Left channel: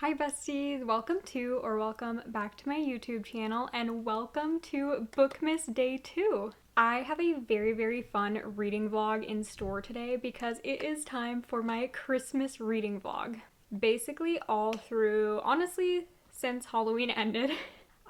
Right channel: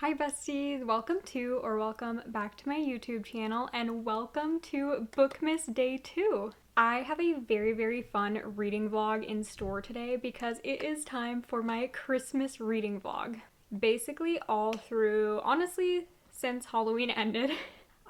Hi besties, welcome to or welcome back to my YouTube channel and welcome to Bookmas Day 2. I have a very fun reading vlog in store today because it is time for my Christmas reading vlog. Basically all through, honestly, since Halloween ended,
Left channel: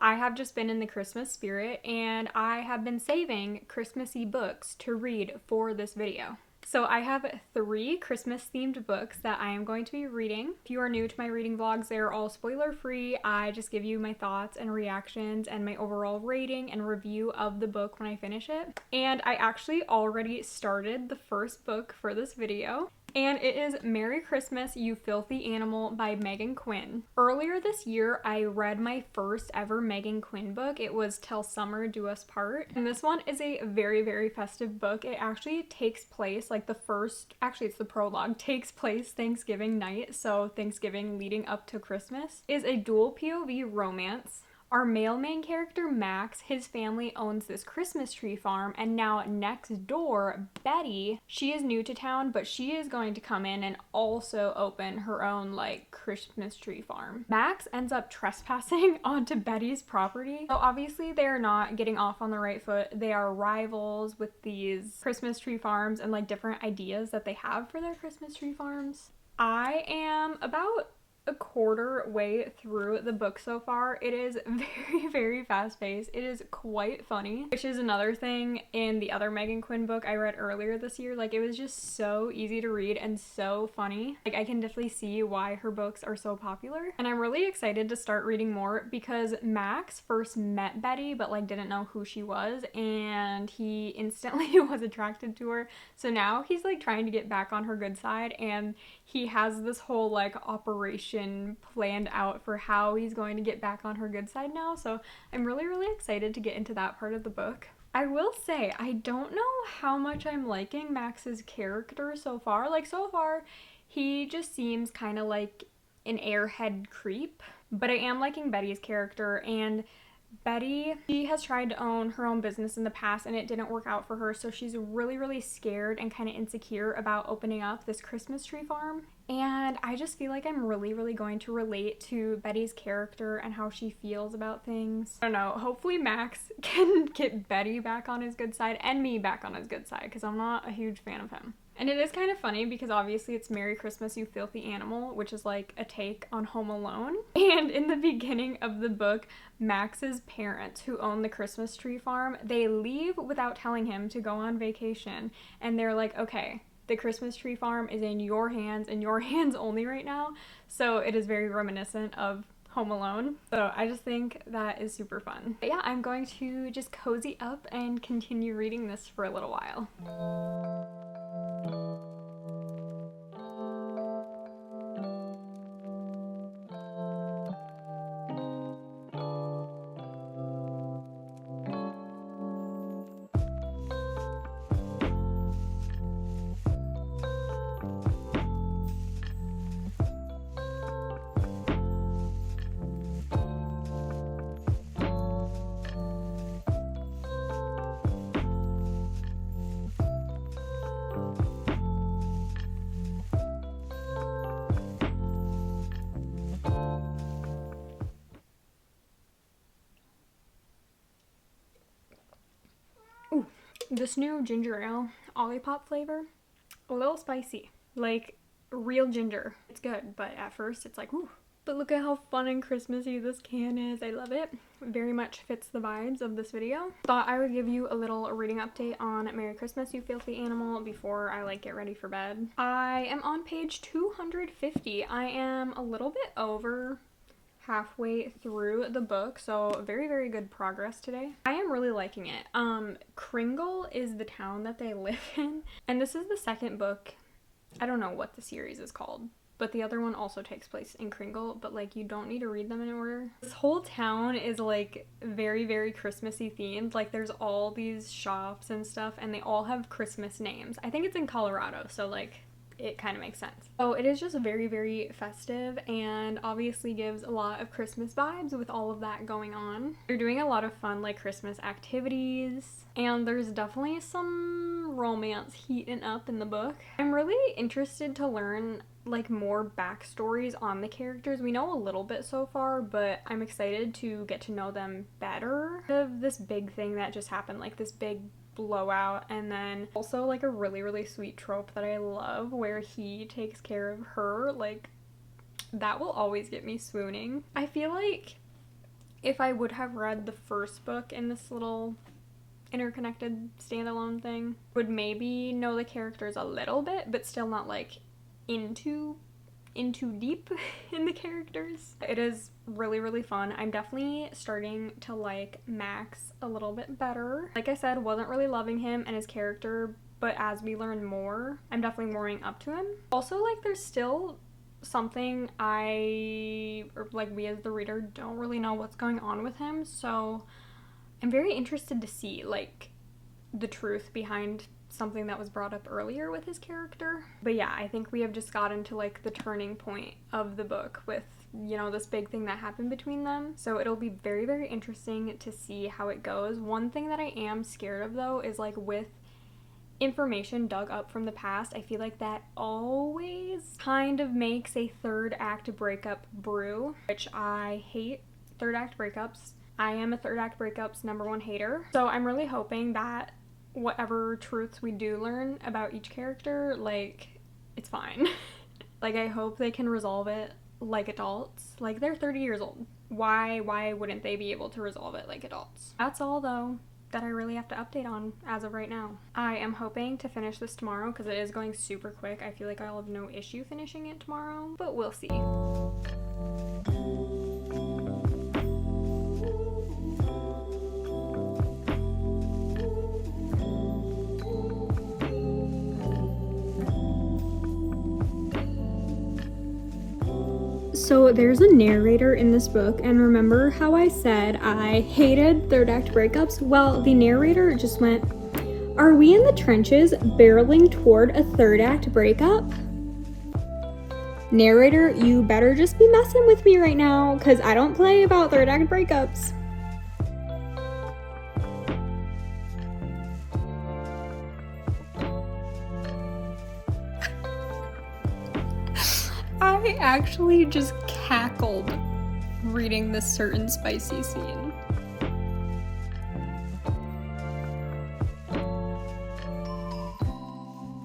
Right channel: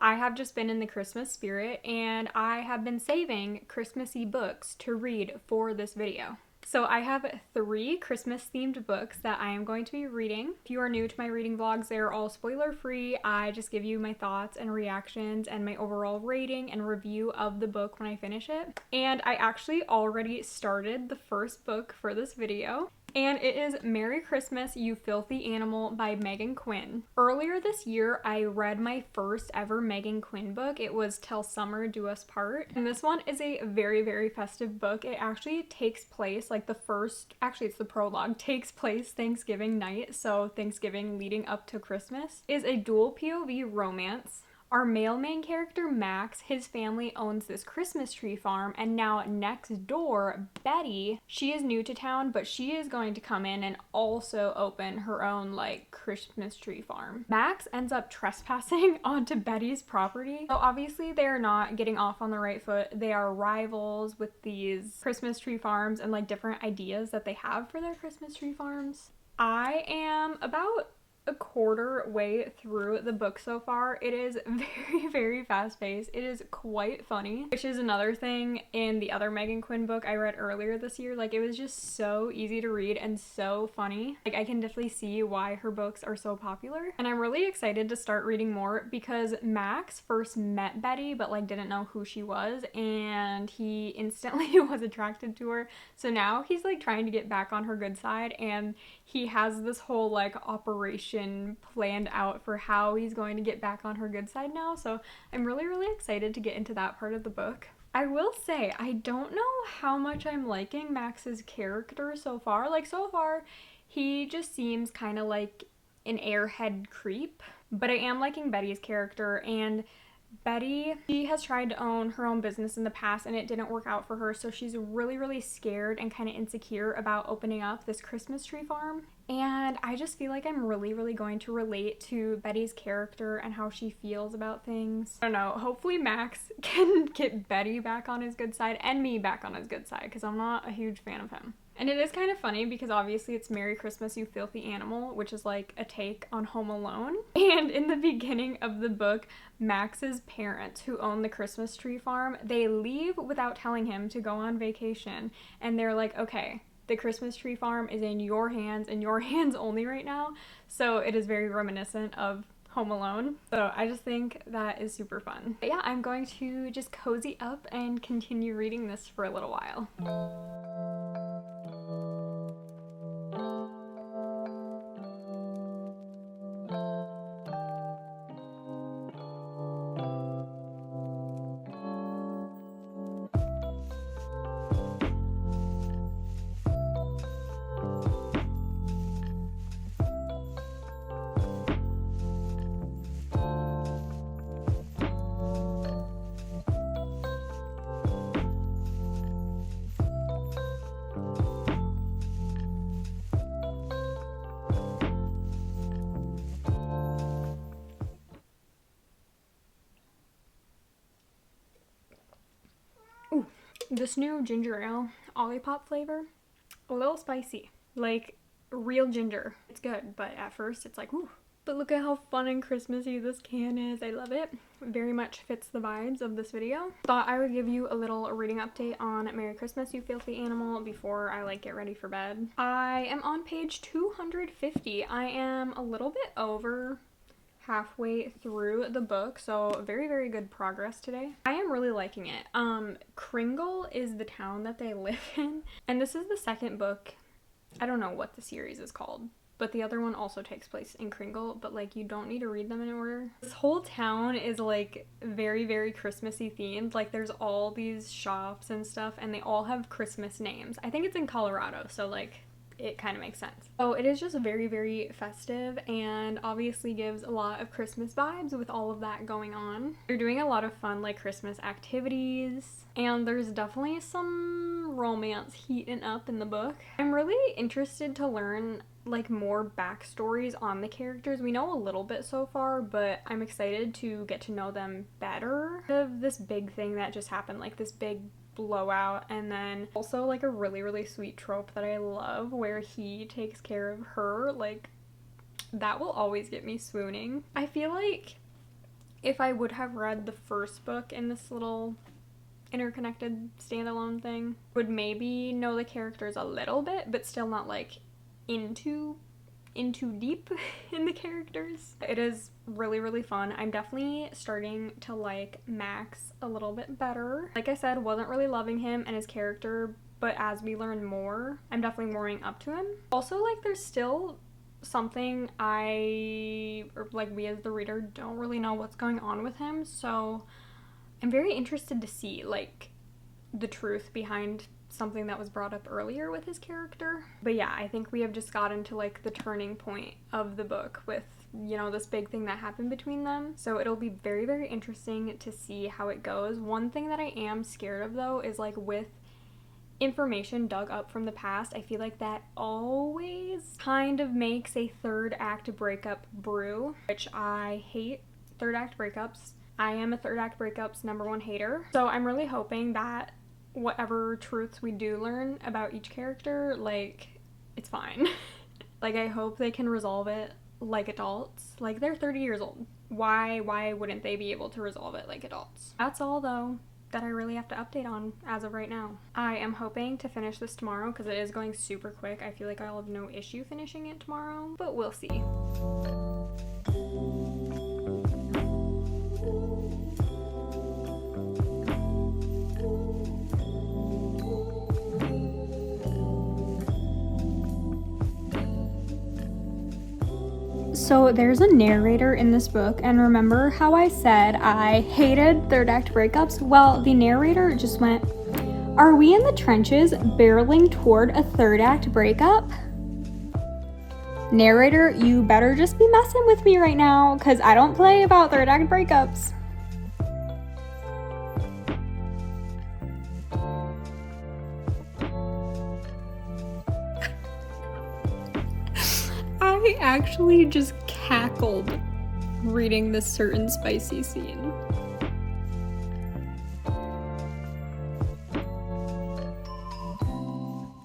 I have just been in the Christmas spirit and I have been saving Christmassy books to read for this video. So I have 3 Christmas themed books that I am going to be reading. If you are new to my reading vlogs, they're all spoiler free. I just give you my thoughts and reactions and my overall rating and review of the book when I finish it. And I actually already started the first book for this video. And it is Merry Christmas, You Filthy Animal by Megan Quinn. Earlier this year, I read my first ever Megan Quinn book. It was Till Summer Do Us Part. And this one is a very festive book. It actually takes place, like it's the prologue, takes place Thanksgiving night. So Thanksgiving leading up to Christmas. It is a dual POV romance. Our male main character, Max, his family owns this Christmas tree farm, and now next door, Betty, she is new to town, but she is going to come in and also open her own, Christmas tree farm. Max ends up trespassing onto Betty's property. So obviously they are not getting off on the right foot. They are rivals with these Christmas tree farms and, different ideas that they have for their Christmas tree farms. I am about a quarter way through the book so far. It is very fast-paced. It is quite funny, which is another thing in the other Megan Quinn book I read earlier this year. It was just so easy to read and so funny. I can definitely see why her books are so popular. And I'm really excited to start reading more because Max first met Betty but didn't know who she was, and he instantly was attracted to her. So now he's trying to get back on her good side, and he has this whole operation planned out for how he's going to get back on her good side now. So I'm really excited to get into that part of the book. I will say, I don't know how much I'm liking Max's character so far. So far, he just seems kind of like an airhead creep. But I am liking Betty's character, and Betty, she has tried to own her own business in the past and it didn't work out for her, so she's really scared and kind of insecure about opening up this Christmas tree farm. And I just feel like I'm really going to relate to Betty's character and how she feels about things. I don't know, hopefully Max can get Betty back on his good side and me back on his good side because I'm not a huge fan of him. And it is kind of funny because obviously it's Merry Christmas, You Filthy Animal, which is a take on Home Alone. And in the beginning of the book, Max's parents, who own the Christmas tree farm, they leave without telling him to go on vacation. And they're like, okay, the Christmas tree farm is in your hands and your hands only right now. So it is very reminiscent of Home Alone. So I just think that is super fun. But yeah, I'm going to just cozy up and continue reading this for a little while. Ooh, this new ginger ale, Olipop flavor, a little spicy, real ginger. It's good, but at first it's ooh. But look at how fun and Christmassy this can is. I love it. Very much fits the vibes of this video. Thought I would give you a little reading update on Merry Christmas, You Filthy Animal before I get ready for bed. I am on page 250. I am a little bit over halfway through the book, so very good progress today. I am really liking it. Kringle is the town that they live in, and this is the second book. I don't know what the series is called, but the other one also takes place in Kringle, but you don't need to read them in order. This whole town is very Christmassy themed. There's all these shops and stuff, and they all have Christmas names. I think it's in Colorado, so it kind of makes sense. So it is just very, very festive and obviously gives a lot of Christmas vibes with all of that going on. They're doing a lot of fun like Christmas activities, and there's definitely some romance heating up in the book. I'm really interested to learn like more backstories on the characters. We know a little bit so far, but I'm excited to get to know them better. Of this big thing that just happened, like this big blowout, and then also like a really, really sweet trope that I love where he takes care of her. Like, that will always get me swooning. I feel like if I would have read the first book in this little interconnected standalone thing, would maybe know the characters a little bit, but still not like into deep in the characters. It is really, really fun. I'm definitely starting to like Max a little bit better. Like I said, wasn't really loving him and his character, but as we learn more, I'm definitely warming up to him. Also, like, there's still something we as the reader don't really know what's going on with him, so I'm very interested to see like the truth behind something that was brought up earlier with his character. But yeah, I think we have just gotten to like the turning point of the book with, you know, this big thing that happened between them. So it'll be very, very interesting to see how it goes. One thing that I am scared of though is like with information dug up from the past, I feel like that always kind of makes a third act breakup brew, which I hate third act breakups. I am a third act breakups #1 hater. So I'm really hoping that whatever truths we do learn about each character, like, it's fine. Like, I hope they can resolve it like adults. Like, they're 30 years old. Why wouldn't they be able to resolve it like adults? That's all, though, that I really have to update on as of right now. I am hoping to finish this tomorrow because it is going super quick. I feel like I'll have no issue finishing it tomorrow, but we'll see. So there's a narrator in this book, and remember how I said I hated third act breakups? Well, the narrator just went, "Are we in the trenches barreling toward a third act breakup?" Narrator, you better just be messing with me right now, because I don't play about third act breakups. I actually just cackled reading this certain spicy scene.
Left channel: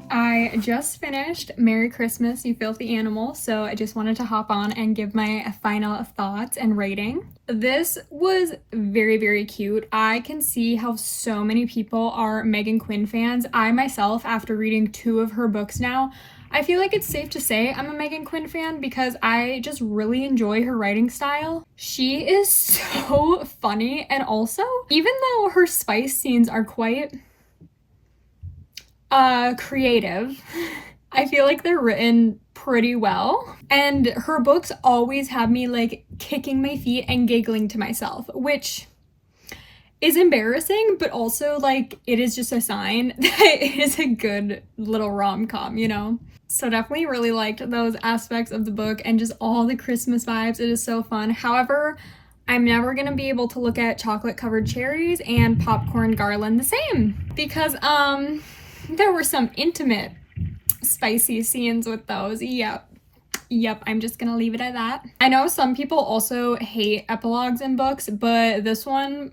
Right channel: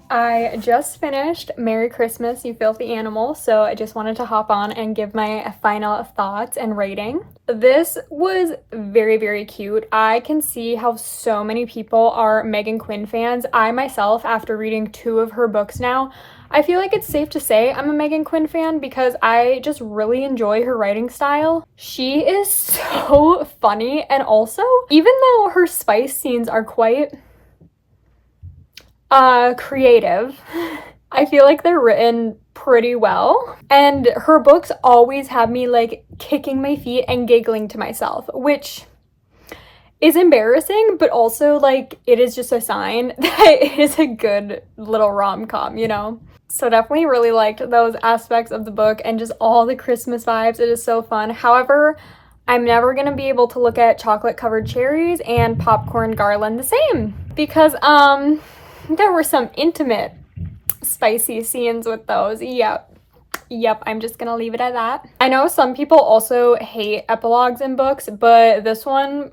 I just finished Merry Christmas, You Filthy Animal, so I just wanted to hop on and give my final thoughts and rating. This was very, very cute. I can see how so many people are Megan Quinn fans. I myself, after reading 2 of her books now, I feel like it's safe to say I'm a Megan Quinn fan because I just really enjoy her writing style. She is so funny, and also, even though her spice scenes are quite creative, I feel like they're written pretty well. And her books always have me like kicking my feet and giggling to myself, which is embarrassing, but also like it is just a sign that it is a good little rom-com, you know? So definitely really liked those aspects of the book and just all the Christmas vibes. It is so fun. However, I'm never gonna be able to look at chocolate covered cherries and popcorn garland the same because there were some intimate spicy scenes with those. Yep, I'm just gonna leave it at that. I know some people also hate epilogues in books, but this one,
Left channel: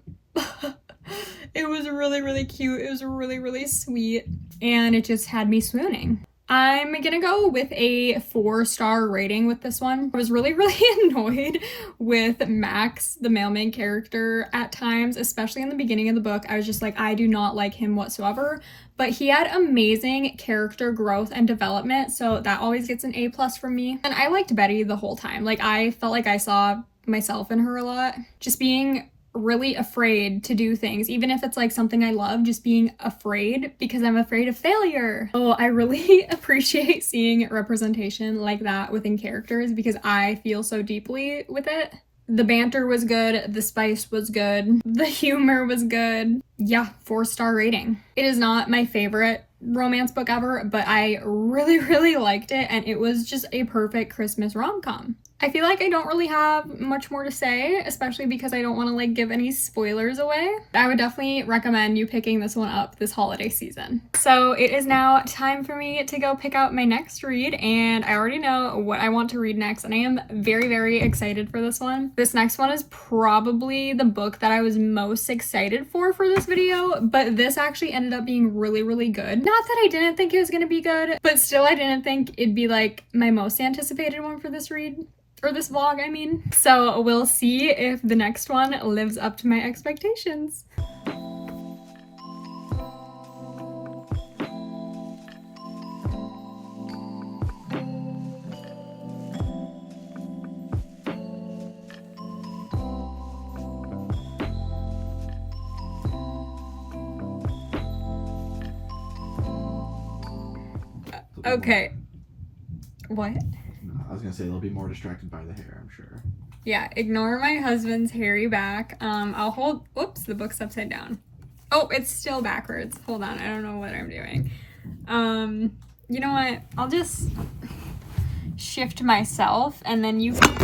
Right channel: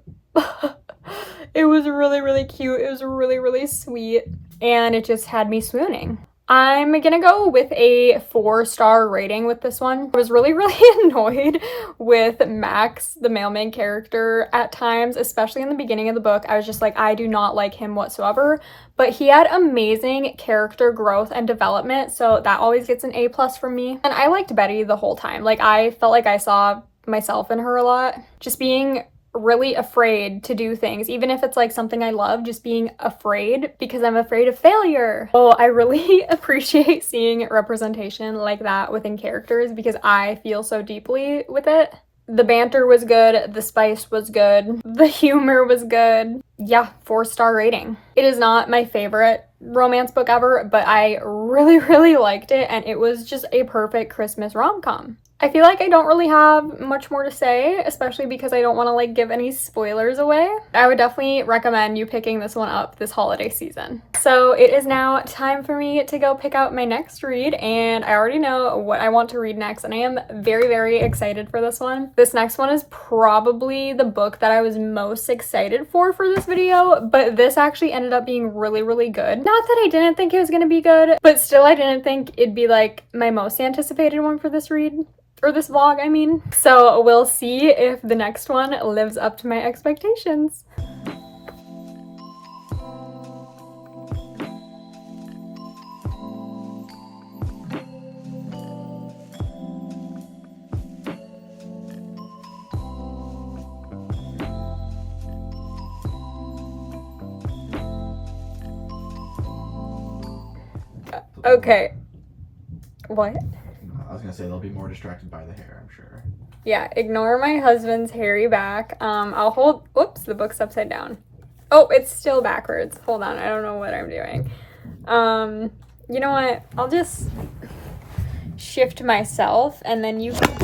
it was really, really cute. It was really, really sweet, and it just had me swooning. I'm gonna go with a 4-star rating with this one. I was really, really annoyed with Max, the mailman character, at times, especially in the beginning of the book. I was just like, I do not like him whatsoever, but he had amazing character growth and development, so that always gets an A+ from me. And I liked Betty the whole time. Like, I felt like I saw myself in her a lot. Just being really afraid to do things, even if it's like something I love, just being afraid because I'm afraid of failure. Oh, I really appreciate seeing representation like that within characters because I feel so deeply with it. The banter was good, the spice was good, the humor was good. Yeah, 4-star rating. It is not my favorite romance book ever, but I really, really liked it, and it was just a perfect Christmas rom-com. I feel like I don't really have much more to say, especially because I don't want to like give any spoilers away. I would definitely recommend you picking this one up this holiday season. So it is now time for me to go pick out my next read, and I already know what I want to read next, and I am very, very excited for this one. This next one is probably the book that I was most excited for this video, but this actually ended up being really, really good. Not that I didn't think it was gonna be good, but still I didn't think it'd be like my most anticipated one for this read. Or this vlog, I mean. So we'll see if the next one lives up to my expectations. Okay. What? I was gonna say they'll be more distracted by the hair, I'm sure. Yeah, ignore my husband's hairy back. I'll hold, whoops, the book's upside down. Oh, it's still backwards. Hold on, I don't know what I'm doing. You know what? I'll just shift myself and then you can,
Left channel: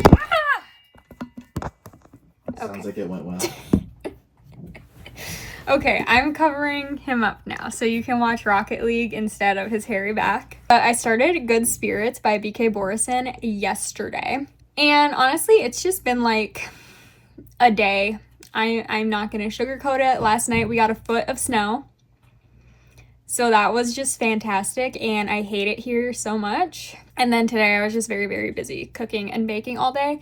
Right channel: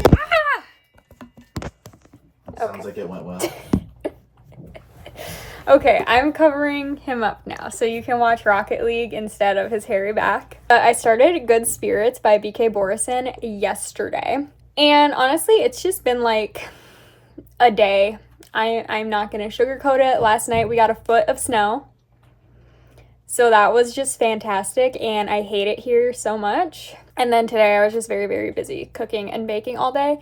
Sounds like it went well. Okay, I'm covering him up now, so you can watch Rocket League instead of his hairy back. I started Good Spirits by B.K. Borison yesterday, and honestly, it's just been like a day. I'm not gonna sugarcoat it. Last night we got a foot of snow, so that was just fantastic, and I hate it here so much. And then today I was just very, very busy cooking and baking all day,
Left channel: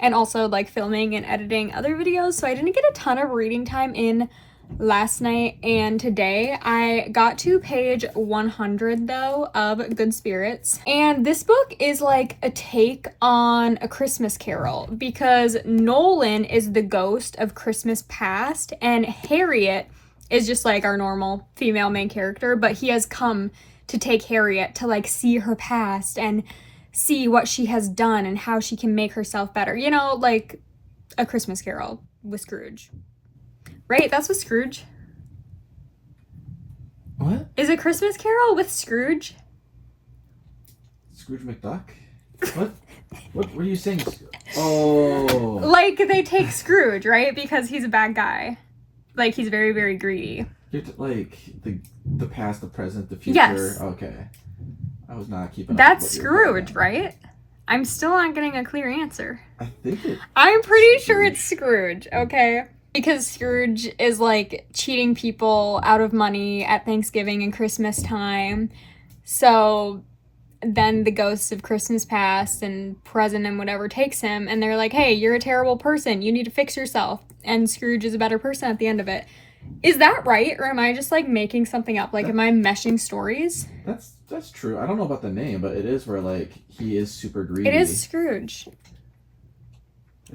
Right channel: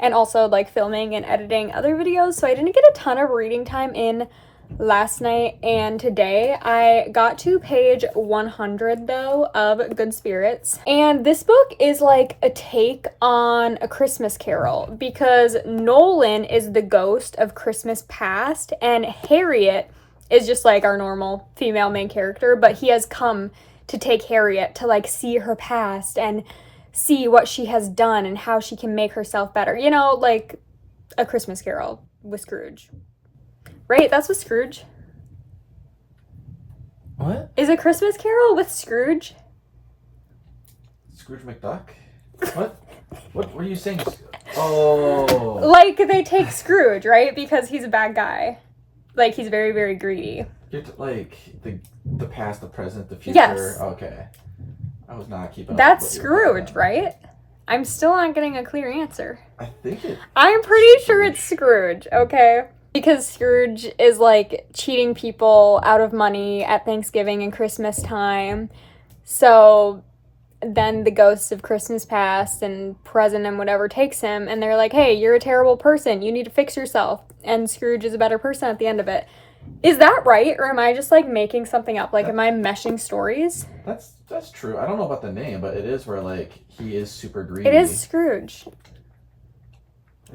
and also like filming and editing other videos, so I didn't get a ton of reading time in last night. And today I got to page 100 though of Good Spirits, and this book is like a take on A Christmas Carol because Nolan is the ghost of Christmas past and Harriet is just like our normal female main character, but he has come to take Harriet to like see her past and see what she has done and how she can make herself better, you know, like A Christmas Carol with Scrooge. Right? That's with Scrooge. What? Is A Christmas Carol with Scrooge? Scrooge McDuck? What? What were you saying? Oh. Like, they take Scrooge, right? Because he's a bad guy. Like, he's very, very greedy. Like, the past, the present, the future? Yes. Okay. I was not keeping up. That's Scrooge, right? I'm still not getting a clear answer. I think I'm pretty sure it's Scrooge, okay? Because Scrooge is like cheating people out of money at Thanksgiving and Christmas time. So then the ghosts of Christmas past and present and whatever takes him, and they're like, hey, you're a terrible person. You need to fix yourself. And Scrooge is a better person at the end of it. Is that right? Or am I just like making something up? Like, am I meshing stories? That's true. I don't know about the name, but it is where like he is super greedy. It is Scrooge.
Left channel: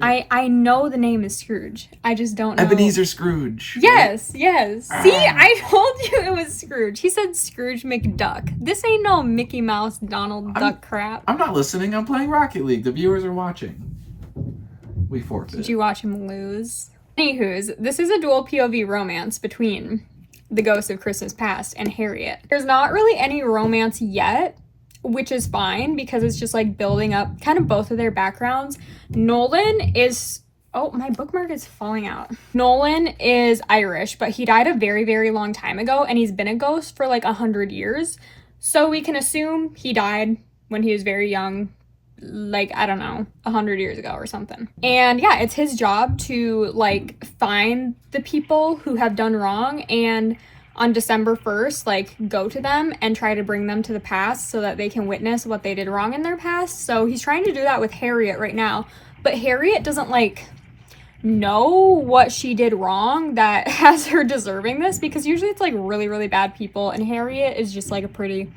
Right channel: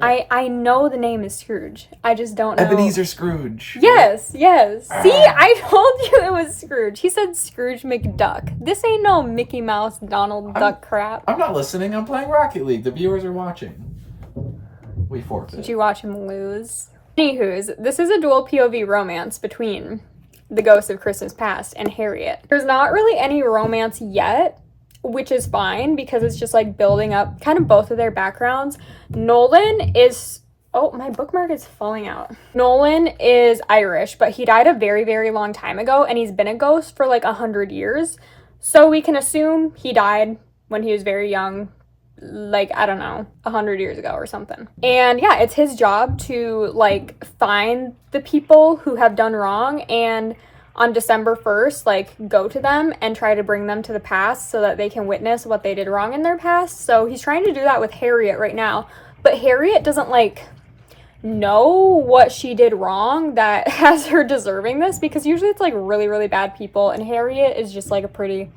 Yeah. I know the name is Scrooge. I just don't know. Ebenezer Scrooge. Yes, yes. See, I told you it was Scrooge. He said Scrooge McDuck. This ain't no Mickey Mouse, Donald Duck crap. I'm not listening. I'm playing Rocket League. The viewers are watching. We forfeit. Did you watch him lose? Anywho's, this is a dual POV romance between the ghost of Christmas past and Harriet. There's not really any romance yet, which is fine because it's just like building up kind of both of their backgrounds. Nolan is, oh, my bookmark is falling out. Nolan is Irish, but he died a very, very long time ago, and he's been a ghost for like 100 years. So we can assume he died when he was very young, like, I don't know, 100 years ago or something. And yeah, it's his job to like find the people who have done wrong, and on December 1st, like, go to them and try to bring them to the past so that they can witness what they did wrong in their past. So he's trying to do that with Harriet right now. But Harriet doesn't, like, know what she did wrong that has her deserving this, because usually it's, like, really, really bad people. And Harriet is just, like, a pretty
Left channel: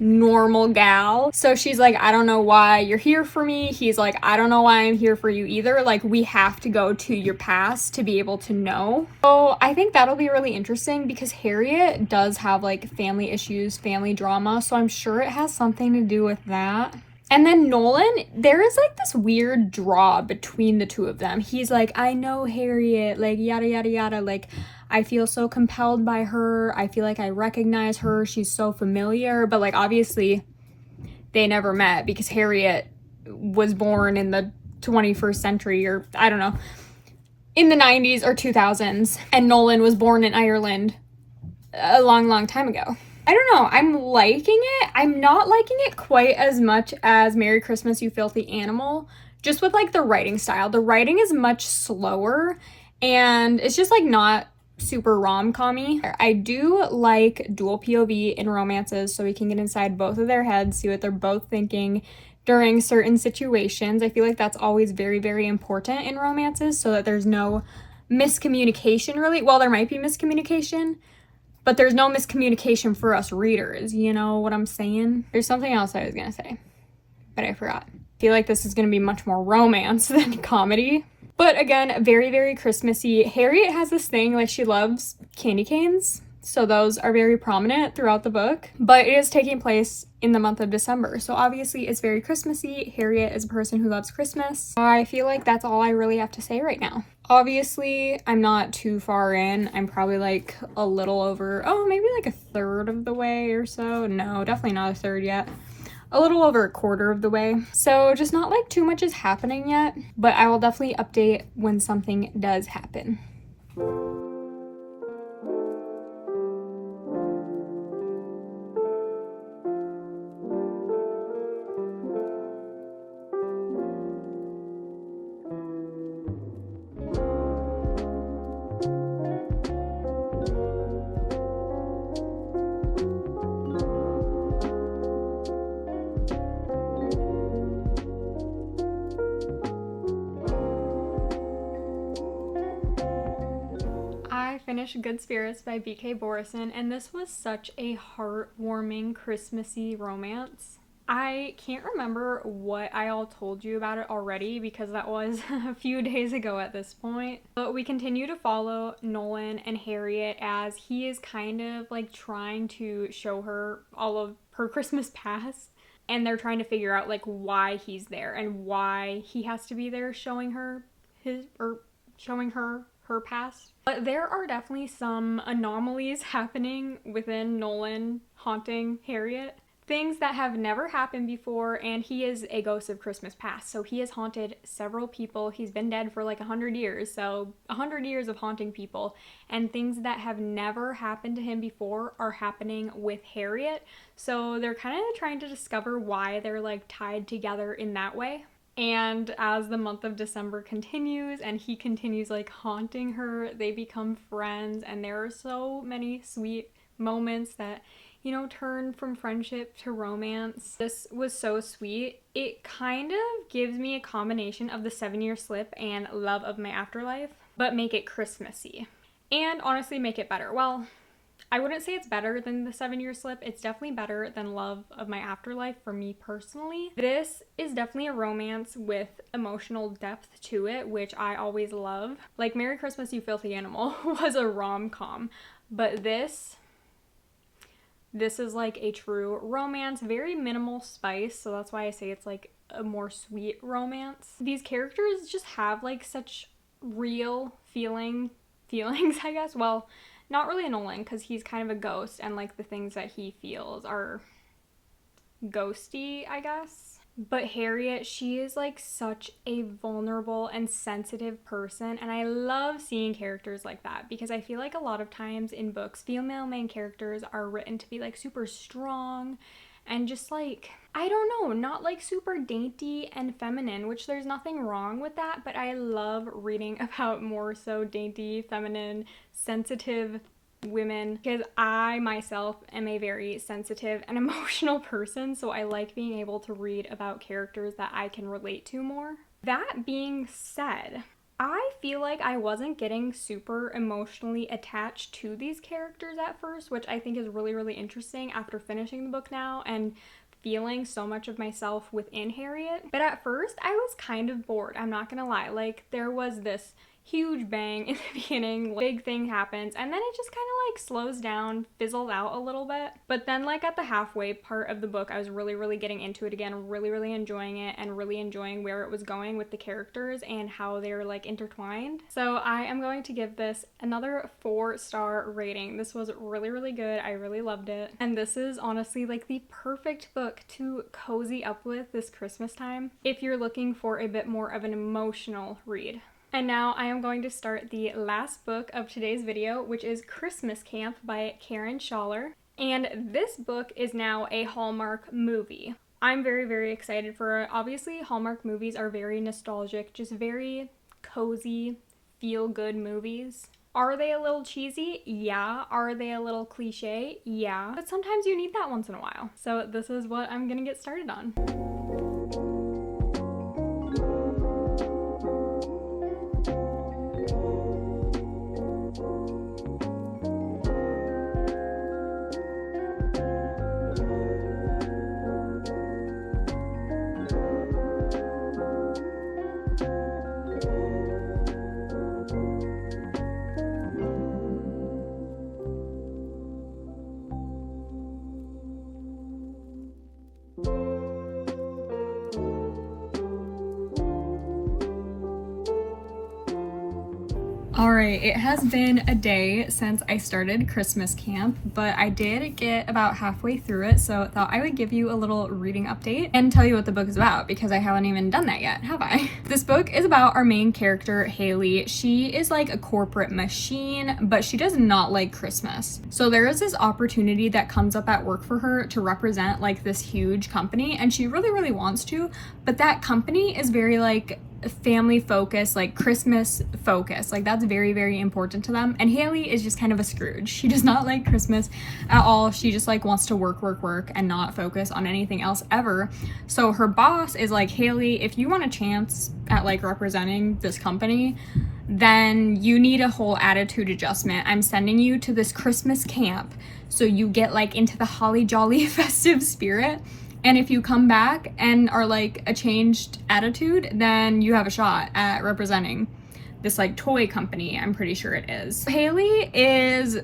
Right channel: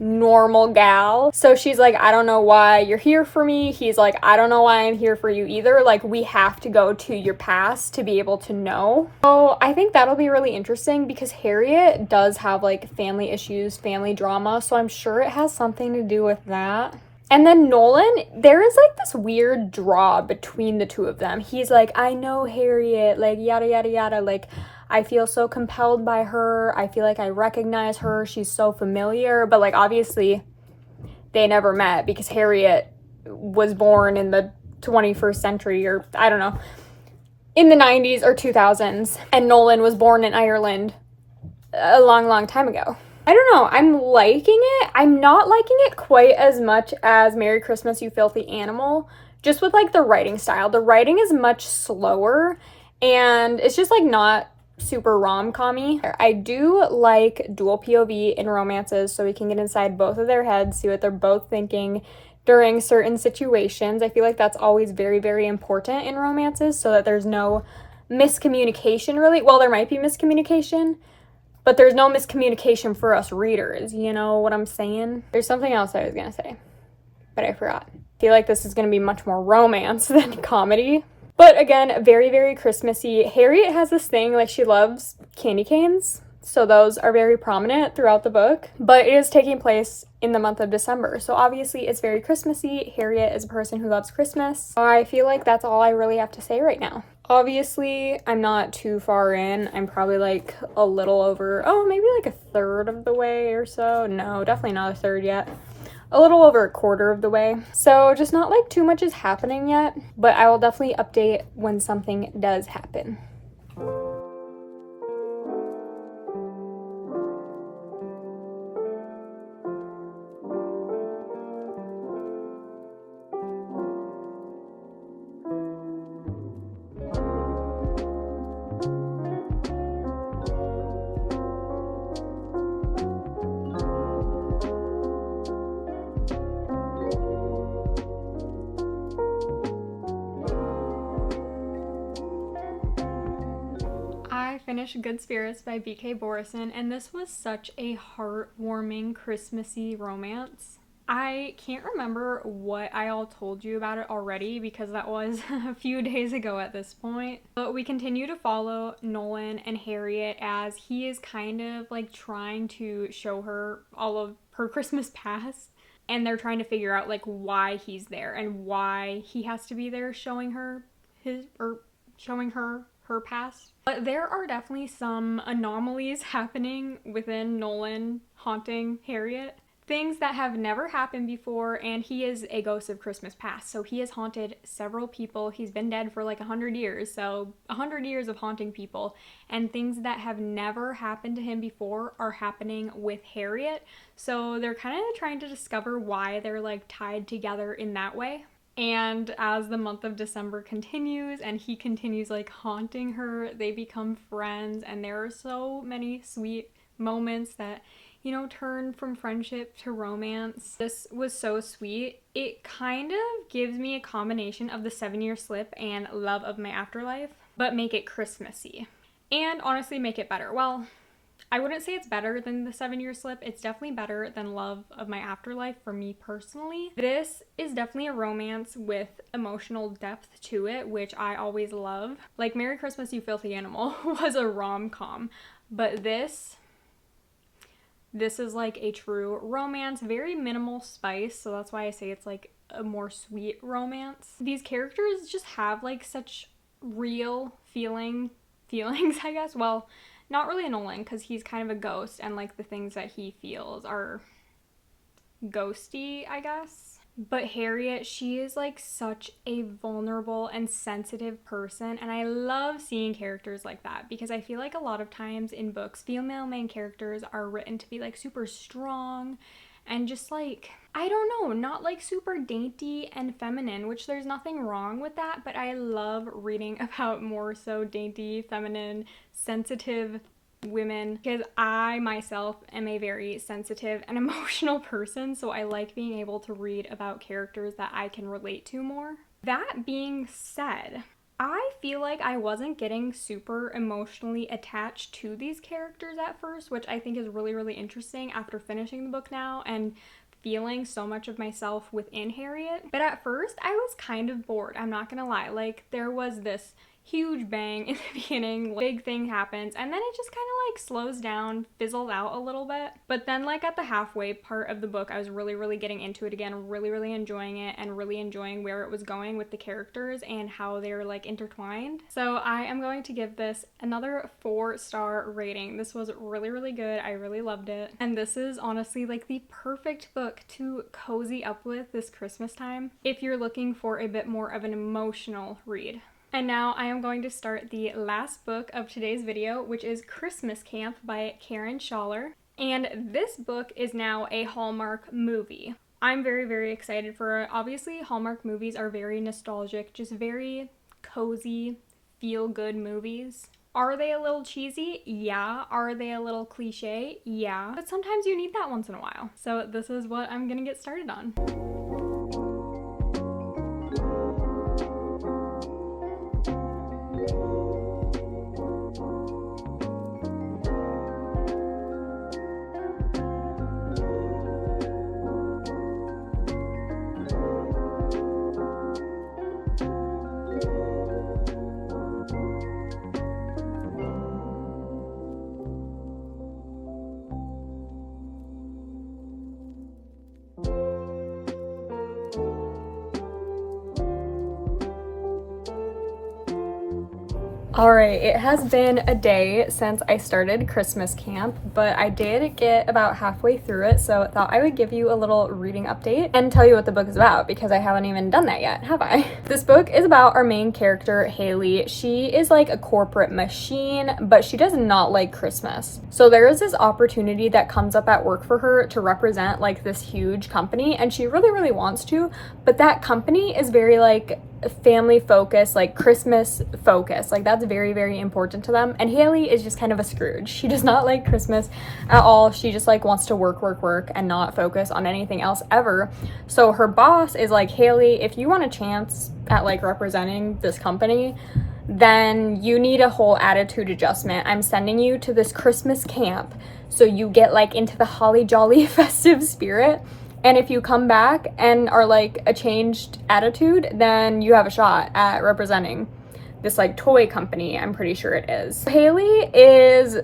normal gal. So she's like, I don't know why you're here for me. He's like, I don't know why I'm here for you either. Like, we have to go to your past to be able to know. So I think that'll be really interesting because Harriet does have like family issues, family drama. So I'm sure it has something to do with that. And then Nolan, there is like this weird draw between the two of them. He's like, I know Harriet, like yada yada yada, like I feel so compelled by her. I feel like I recognize her. She's so familiar. But like obviously they never met because Harriet was born in the 21st century, or I don't know, in the 90s or 2000s. And Nolan was born in Ireland a long time ago. I don't know, I'm liking it. I'm not liking it quite as much as Merry Christmas, You Filthy Animal, just with like the writing style. The writing is much slower and it's just like not super rom-com-y. I do like dual POV in romances so we can get inside both of their heads, see what they're both thinking during certain situations. I feel like that's always very important in romances so that there's no miscommunication really. Well, there might be miscommunication, but there's no miscommunication for us readers, you know what I'm saying? There's something else I was gonna say, but I forgot. I feel like this is gonna be much more romance than comedy. But again, very Christmassy. Harriet has this thing, like she loves candy canes, so those are very prominent throughout the book, but it is taking place in the month of December, so obviously it's very Christmassy. Harriet is a person who loves Christmas. I feel like that's all I really have to say right now. Obviously, I'm not too far in. I'm probably like a little over, maybe like a third of the way or so. No, definitely not a third yet. A little over a quarter of the way. So just not like too much is happening yet, but I will definitely update when something does happen. I finished Good Spirits by B.K. Borison, and this was such a heartwarming, Christmassy romance. I can't remember what I all told you about it already because that was a few days ago at this point. But we continue to follow Nolan and Harriet as he is kind of like trying to show her all of her Christmas past. And they're trying to figure out like why he's there and why he has to be there showing her her past. But there are definitely some anomalies happening within Nolan haunting Harriet. Things that have never happened before, and he is a ghost of Christmas past. So he has haunted several people. He's been dead for like 100 years. So 100 years of haunting people. And things that have never happened to him before are happening with Harriet. So they're kind of trying to discover why they're like tied together in that way. And as the month of December continues and he continues like haunting her, they become friends, and there are so many sweet moments that, you know, turn from friendship to romance. This was so sweet. It kind of gives me a combination of the 7-Year Slip and Love of My Afterlife, but make it Christmassy. And honestly make it better. Well, I wouldn't say it's better than the 7-Year Slip. It's definitely better than Love of My Afterlife for me personally. This is definitely a romance with emotional depth to it, which I always love. Like Merry Christmas, You Filthy Animal was a rom-com, but this is like a true romance, very minimal spice, so that's why I say it's like a more sweet romance. These characters just have like such real feelings, I guess. Well, not really Nolan, because he's kind of a ghost, and like the things that he feels are ghosty, I guess. But Harriet, she is like such a vulnerable and sensitive person, and I love seeing characters like that because I feel like a lot of times in books, female main characters are written to be like super strong and just like, I don't know, not like super dainty and feminine, which there's nothing wrong with that, but I love reading about more so dainty, feminine, sensitive women because I myself am a very sensitive and emotional person, so I like being able to read about characters that I can relate to more. That being said, I feel like I wasn't getting super emotionally attached to these characters at first, which I think is really interesting after finishing the book now and feeling so much of myself within Harriet. But at first I was kind of bored, I'm not gonna lie. Like there was this huge bang in the beginning, big thing happens, and then it just kind of like slows down, fizzles out a little bit. But then like at the halfway part of the book, I was really getting into it again, really enjoying it, and really enjoying where it was going with the characters and how they're like intertwined. So I am going to give this another 4-star rating. This was really good. I really loved it. And this is honestly like the perfect book to cozy up with this Christmas time if you're looking for a bit more of an emotional read. And now I am going to start the last book of today's video, which is Christmas Camp by Karen Schaller. And this book is now a Hallmark movie. I'm very excited for it. Obviously, Hallmark movies are very nostalgic, just very cozy, feel-good movies. Are they a little cheesy? Yeah. Are they a little cliche? Yeah. But sometimes you need that once in a while. So this is what I'm gonna get started on. Alright, it has been a day since I started Christmas Camp, but I did get about halfway through it, so I thought I would give you a little reading update and tell you what the book is about, because I haven't even done that yet, have I? This book is about our main character, Haley. She is like a corporate machine, but she does not like Christmas. So there is this opportunity that comes up at work for her to represent like this huge company, and she really wants to, but that company is very like family focused, like Christmas focused, like that's very important to them. And Haley is just kind of a Scrooge. She does not like Christmas at all. She just like wants to work and not focus on anything else ever. So her boss is like, Haley, if you want a chance at like representing this company, then you need a whole attitude adjustment. I'm sending you to this Christmas camp so you get like into the holly jolly festive spirit. And if you come back and are like a changed attitude, then you have a shot at representing this like toy company, I'm pretty sure it is. Haley is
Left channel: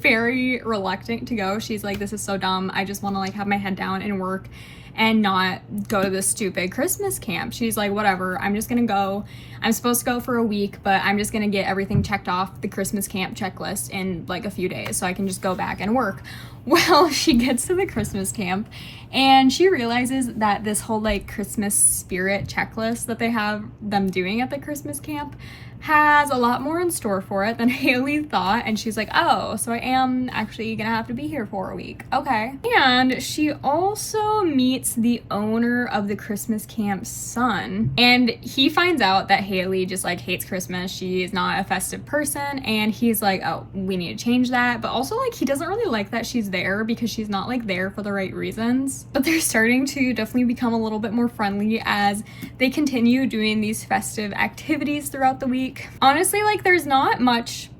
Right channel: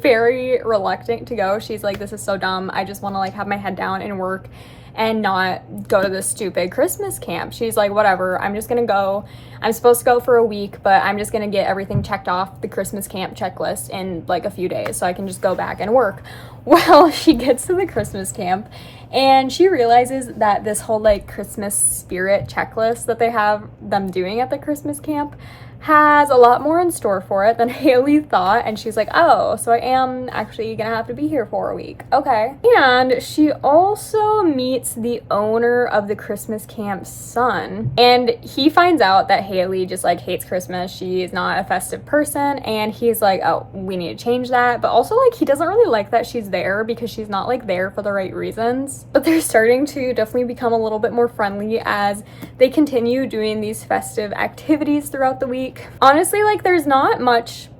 very reluctant to go. She's like, this is so dumb. I just want to like have my head down and work and not go to this stupid Christmas camp. She's like, whatever, I'm just gonna go. I'm supposed to go for a week, but I'm just gonna get everything checked off the Christmas camp checklist in like a few days so I can just go back and work. Well, she gets to the Christmas camp and she realizes that this whole like Christmas spirit checklist that they have them doing at the Christmas camp has a lot more in store for it than Haley thought. And she's like, oh, so I am actually gonna have to be here for a week. Okay. And she also meets the owner of the Christmas camp's son. And he finds out that Haley just like hates Christmas. She's not a festive person. And he's like, oh, we need to change that. But also like he doesn't really like that she's there because she's not like there for the right reasons. But they're starting to definitely become a little bit more friendly as they continue doing these festive activities throughout the week. Honestly, like there's not much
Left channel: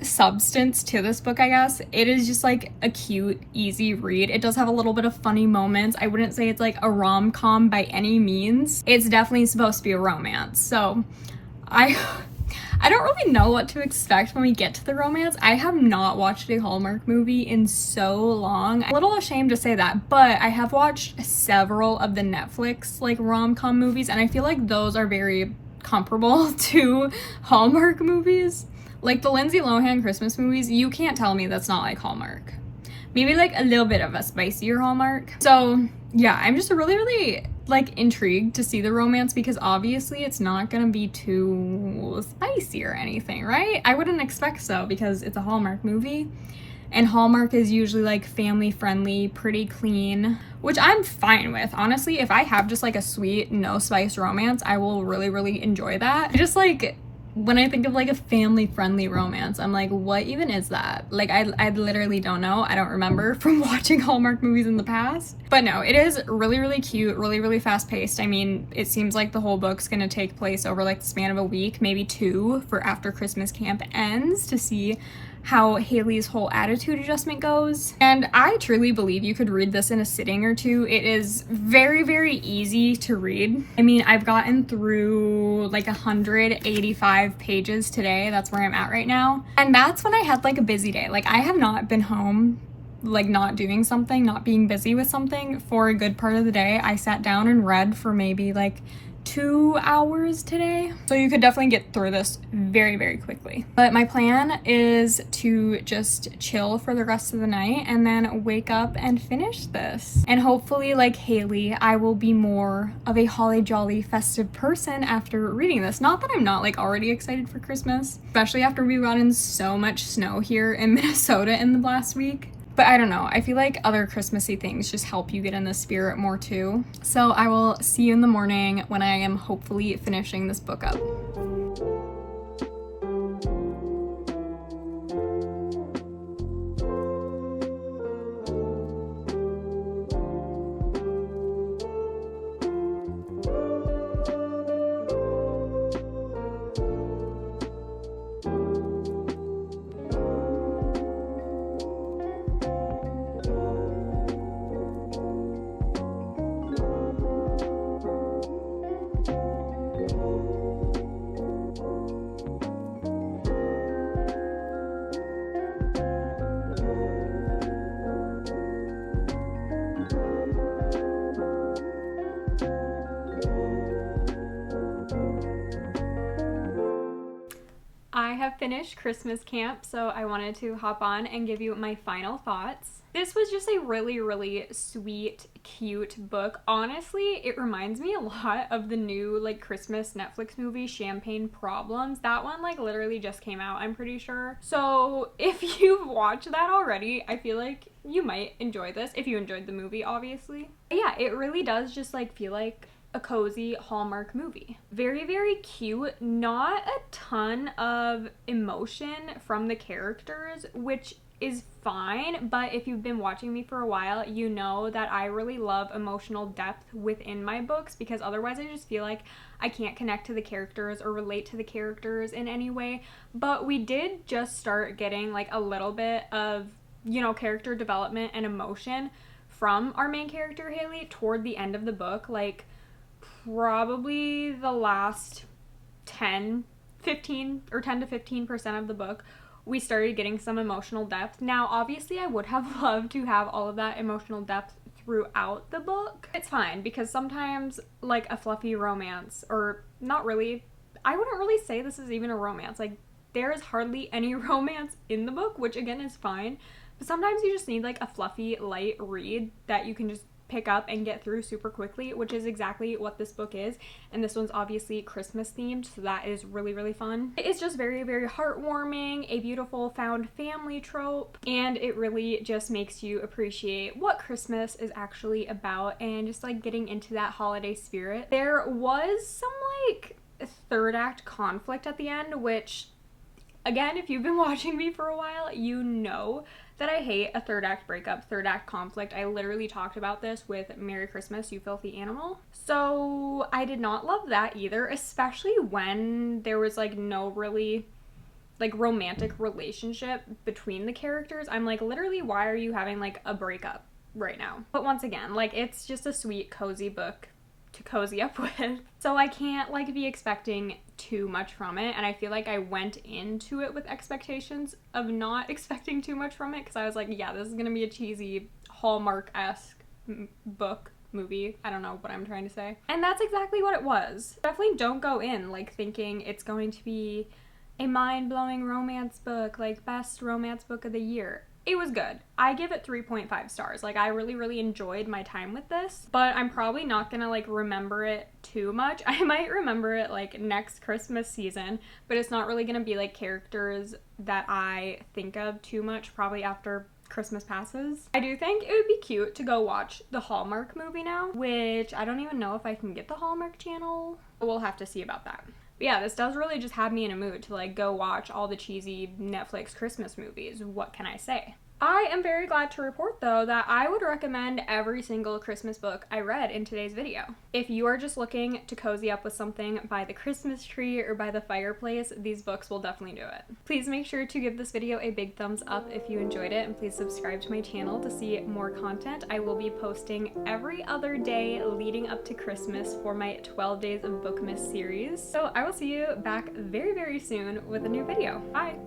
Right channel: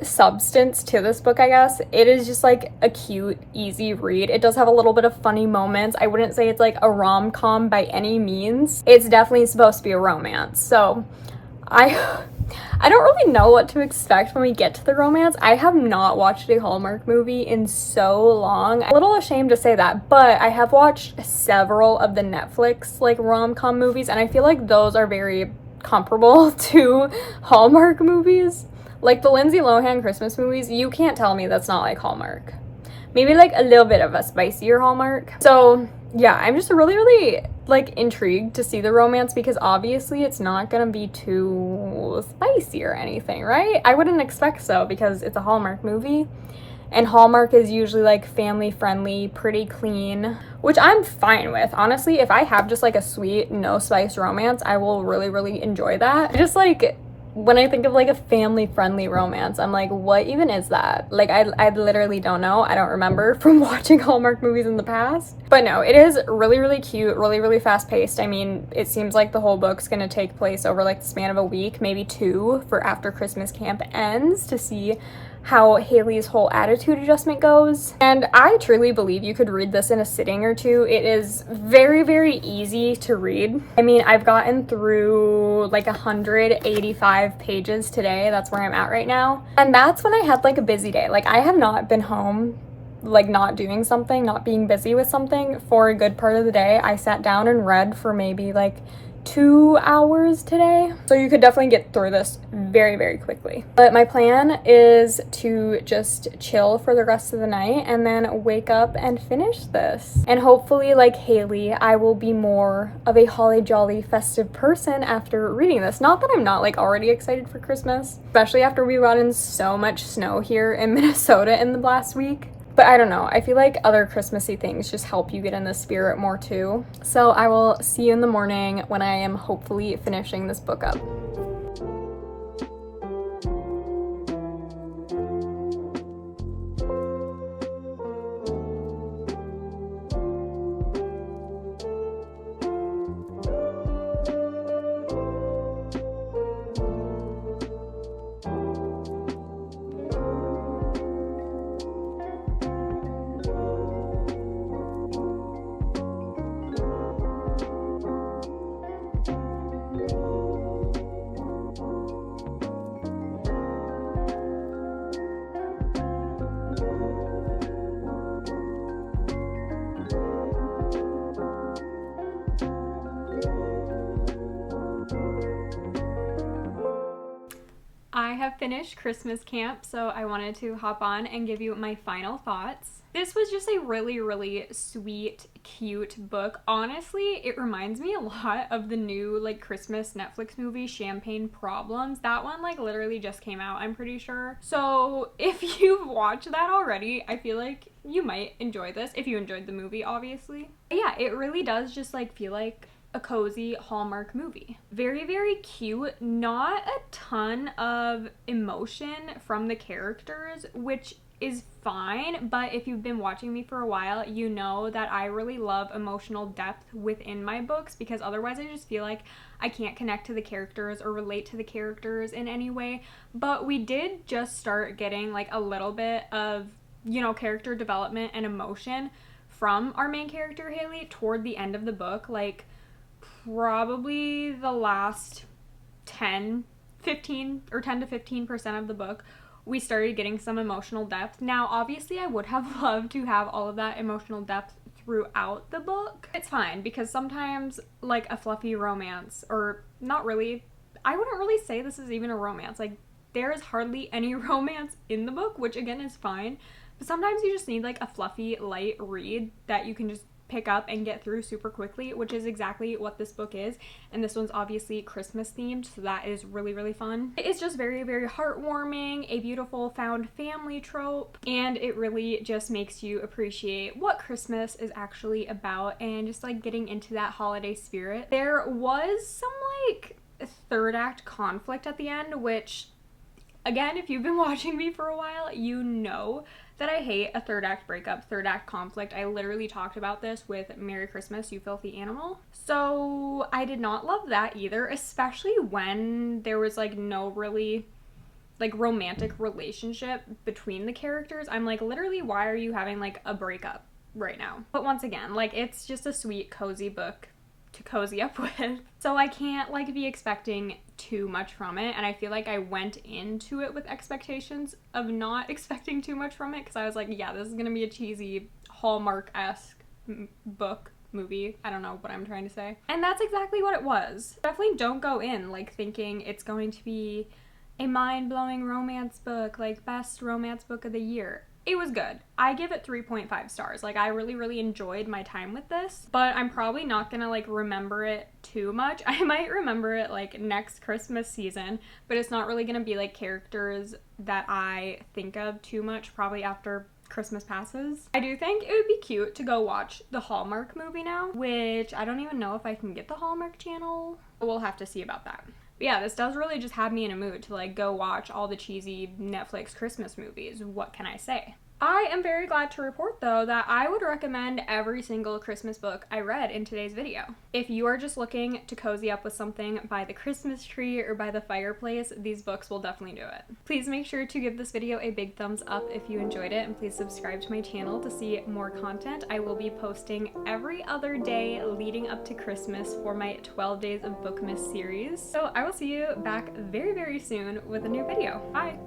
substance to this book, I guess. It is just like a cute, easy read. It does have a little bit of funny moments. I wouldn't say it's like a rom-com by any means. It's definitely supposed to be a romance. So I don't really know what to expect when we get to the romance. I have not watched a Hallmark movie in so long. I'm a little ashamed to say that, but I have watched several of the Netflix like rom-com movies, and I feel like those are very comparable to Hallmark movies. Like the Lindsay Lohan Christmas movies, you can't tell me that's not like Hallmark. Maybe like a little bit of a spicier Hallmark. So yeah, I'm just really like intrigued to see the romance because obviously it's not gonna be too spicy or anything, right? I wouldn't expect so because it's a Hallmark movie. And Hallmark is usually like family friendly, pretty clean, which I'm fine with. Honestly, if I have just like a sweet, no spice romance, I will really enjoy that. Just like when I think of like a family friendly romance, I'm like, what even is that? Like I literally don't know. I don't remember from watching Hallmark movies in the past. But no, it is really cute, really fast paced. I mean, it seems like the whole book's gonna take place over like the span of a week, maybe 2 for after Christmas camp ends to see how Haley's whole attitude adjustment goes. And I truly believe you could read this in a sitting or two. It is very, very easy to read. I mean, I've gotten through like 185 pages today. That's where I'm at right now. And that's when I had like a busy day. Like, I have not been home, like not doing something, not being busy with something for a good part of the day. I sat down and read for maybe like 2 hours today. So you could definitely get through this very, very quickly. But my plan is to just chill for the rest of the night and then wake up and finish this. And hopefully, like Haley, I will be more of a holly jolly festive person after reading this. Not that I'm not like already excited for Christmas, especially after we've gotten so much snow here in Minnesota in the last week. But I don't know, I feel like other Christmassy things just help you get in the spirit more too. So I will see you in the morning when I am hopefully finishing this book up. I have finished Christmas camp, so I wanted to hop on and give you my final thoughts. This was just a really, really sweet, cute book. Honestly, it reminds me a lot of the new like Christmas Netflix movie, Champagne Problems. That one like literally just came out, I'm pretty sure. So if you've watched that already, I feel like you might enjoy this, if you enjoyed the movie, obviously. But yeah, it really does just like feel like a cozy Hallmark movie. Very, very cute. Not a ton of emotion from the characters, which is fine, but if you've been watching me for a while, you know that I really love emotional depth within my books, because otherwise I just feel like I can't connect to the characters or relate to the characters in any way. But we did just start getting like a little bit of, you know, character development and emotion from our main character, Haley, toward the end of the book. Like, probably the last 10 to 15% of the book, we started getting some emotional depth. Now, obviously, I would have loved to have all of that emotional depth throughout the book. It's fine, because sometimes, like, a fluffy romance, or not really, I wouldn't really say this is even a romance. Like, there is hardly any romance in the book, which, again, is fine. But sometimes you just need, like, a fluffy, light read that you can just pick up and get through super quickly, which is exactly what this book is. And this one's obviously Christmas themed, so that is really, really fun. It's just very, very heartwarming, a beautiful found family trope, and it really just makes you appreciate what Christmas is actually about and just like getting into that holiday spirit. There was some like third act conflict at the end, which, again, if you've been watching me for a while, you know that I hate a third act breakup, third act conflict. I literally talked about this with Merry Christmas, You Filthy Animal. So I did not love that either, especially when there was like no really like romantic relationship between the characters. I'm like, literally, why are you having like a breakup right now? But once again, like, it's just a sweet, cozy book to cozy up with. So I can't like be expecting too much from it, and I feel like I went into it with expectations of not expecting too much from it, because I was like, yeah, this is gonna be a cheesy Hallmark-esque book, movie, I don't know what I'm trying to say. And that's exactly what it was. Definitely don't go in like thinking it's going to be a mind-blowing romance book, like best romance book of the year. It was good. I give it 3.5 stars. Like, I really, really enjoyed my time with this, but I'm probably not gonna like remember it too much. I might remember it like next Christmas season, but it's not really gonna be like characters that I think of too much probably after Christmas passes. I do think it would be cute to go watch the Hallmark movie now, which I don't even know if I can get the Hallmark channel. We'll have to see about that. But yeah, this does really just have me in a mood to like go watch all the cheesy Netflix Christmas movies. What can I say? I am very glad to report though that I would recommend every single Christmas book I read in today's video. If you are just looking to cozy up with something by the Christmas tree or by the fireplace, these books will definitely do it. Please make sure to give this video a big thumbs up if you enjoyed it, and please subscribe to my channel to see more content. I will be posting every other day leading up to Christmas for my 12 Days of Bookmas series. So I will see you back very, very soon with a new video. Bye!